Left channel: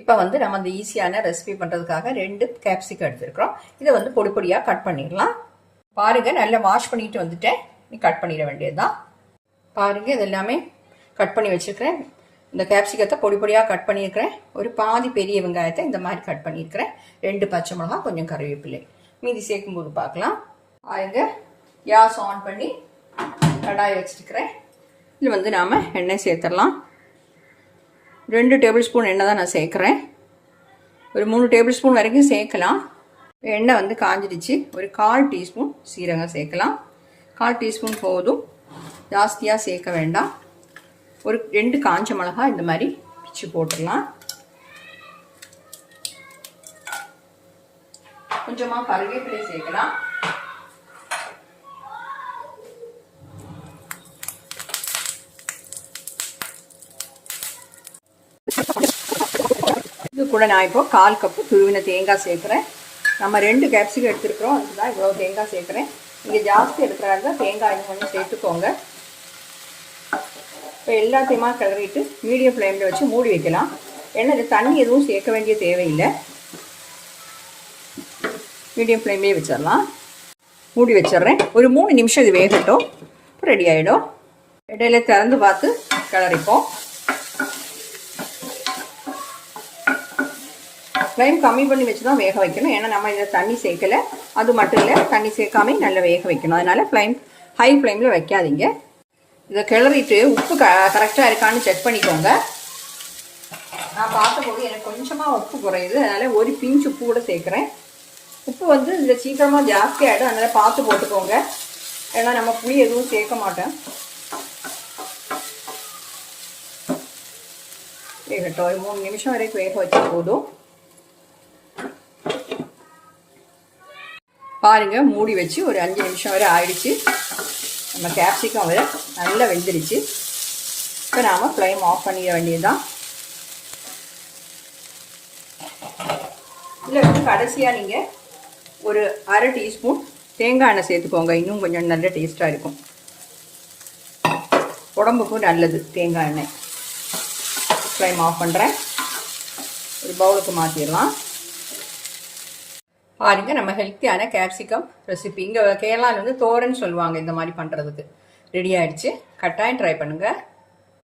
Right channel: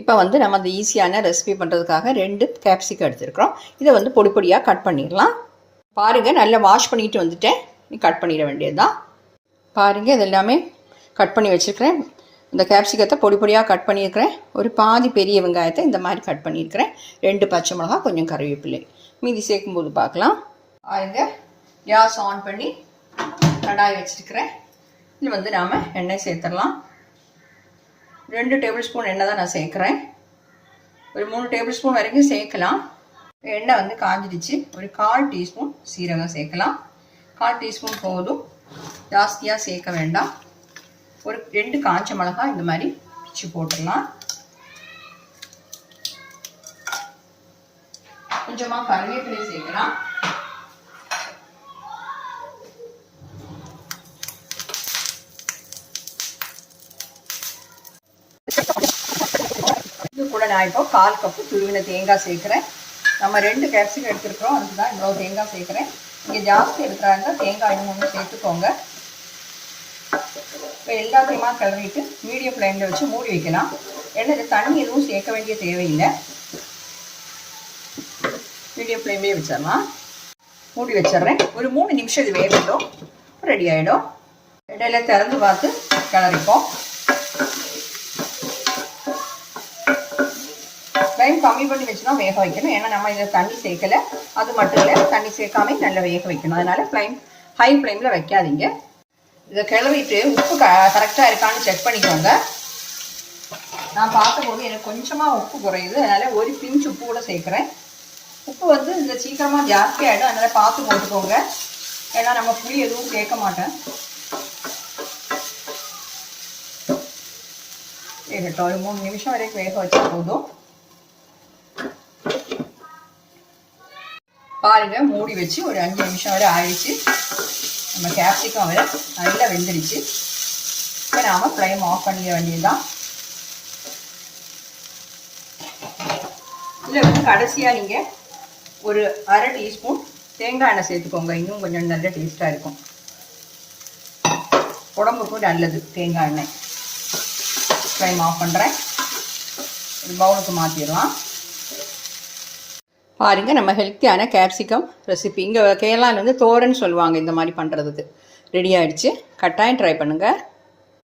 இப்போ வந்து நம்ம அந்த ஈஸியான ரெசிபி பண்ணுறதுக்காக ரெண்டு கேப்சிகம் எடுத்துருக்குறோம். இதை வந்து பொடி பொடியாக கட் பண்ணிடலாம். பாருங்கள் நல்லா வாஷ் பண்ணிட்டு வந்துட்டேன். நீ கட் பண்ணிட வேண்டியது தான் பாருங்கள் இது எல்லாமே கட் பண்ணி வச்சுருக்கிறேன். இந்த கேப்சிகத்தை பொடி பொடியாக கட் பண்ணியிருக்கிறேன். ஒரு பாதி பெரிய வெங்காயத்தை இந்த மாதிரி கட் பண்ணியிருக்கிறேன். ரெண்டு பச்சை மிளகா கொஞ்சம் கருவேப்பிலை. மீதி சேர்க்கும்போது பார்க்கலாம். பாருங்க கேஸ் ஆன் பண்ணி கடாய் வச்சுருக்கிறேன். இதில் வந்து நாம் எண்ணெய் சேர்த்துடலாம். ரெண்டு டேபிள் ஸ்பூன் எண்ணெய் தான் நான் சேர்க்குறேன். ஒரு மூணு டேபிள் ஸ்பூன் வரைக்கும் சேர்க்கலாம். எண்ணெய் வந்து காஞ்சிடுச்சு. ஒரு கால் டீஸ்பூன் சீரகம் சேர்க்கலாம். கால் டீஸ்பூன் போதும். ஜாஸ்தியாக சேர்க்க வேண்டாம். ஒரு ரெண்டு காஞ்ச மிளகா இந்த மாதிரி பிச்சு போட்டுடலாம். கொஞ்சமாக கருவேப்பிலை சேர்க்கலாம். இது கூட நான் இப்போ கால் கப்பு துருவின தேங்காய் சேர்க்குறேன். நம்ம ரெண்டு கேப்சிகம் எடுத்துருக்குறோம். அதுதான் இவ்வளோ தேங்காய் சேர்க்குறேன். இங்கே ஜாஸ்தி எடுக்கிறாங்க. தேங்காய் இன்னும் கொஞ்சம் சேர்த்துக்கோங்க. இப்போ எல்லாத்தையுமா கிளறிட்டு மீடியம் ஃப்ளேமில் வச்சு மூடி வைக்கலாம். ஏன்னா இது தண்ணி எதுவும் சேர்க்க வேண்டிய தேவையில்லை. மீடியம் ஃப்ளேம்லேயே வச்சிடலாம். மூடி வச்சிடுறேன். ஒரு மூணு நிமிஷம் இது வேகட்டும். ரெடி ஆகிடும் இடையில திறந்து பார்த்து கிளறிப்போம் ஃப்ளேம் கம்மி பண்ணி வச்சு தான் வேக வைக்கணும். ஏன்னா நம்ம இதில் தண்ணி சேர்க்கலை. அது மட்டும் இல்லை தண்ணி சேர்க்காம நல்லா வேக வைக்கணும். அதனால் ஃப்ளேம் ஹை ஃப்ளேமில் வைக்காதீங்க. இதை கிளறிட்டு உப்பு க கரெக்டாக இருக்கான்னு செக் பண்ணிக்கோங்க. நான் பார்த்தபோது எனக்கு கொஞ்சமாக உப்பு குறையுது. அதனால் ஒரு பிஞ்ச் உப்பு கூட சேர்க்குறேன். உப்பு வந்து இந்த சீக்கிரமாக ஜாஸ்தி ஆகிடும் அதனால் பார்த்து போட்டுக்கோங்க. ஏன்னா நம்ம புளி எதுவும் சேர்க்க மாட்டேன் வேகட்டும் ஒரு மூணு நிமிஷம் வரைக்கும் வேக வச்சு போதும். பாருங்கள் மூடி வச்சு ஒரு அஞ்சு நிமிஷம் வரை ஆயிடுச்சு. நம்ம கேப்சிகம் வரை நல்லா வெந்துடுச்சு இப்போ நாம் ஃப்ளேம் ஆஃப் பண்ணிட வேண்டியதுதான். இல்லை வந்து கடைசியாக நீங்கள் ஒரு அரை டீஸ்பூன் தேங்காய் எண்ணெய் சேர்த்துக்கோங்க. இன்னும் கொஞ்சம் நல்ல டேஸ்ட்டாக இருக்கும். உடம்புக்கும் நல்லது தேங்காய் எண்ணெய். ஃப்ளேம் ஆஃப் பண்ணுறேன் ஒரு பவுலுக்கு மாற்றிடலாம் பாருங்க நம்ம ஹெல்த்தியான கேப்சிகம் ரெசிபி இங்கே கேரளாவில் வந்து தோரன்னு சொல்லுவாங்க இந்த மாதிரி பண்ணுறதுக்கு ரெடி ஆகிடுச்சு கட்டாயம் ட்ரை பண்ணுங்கள்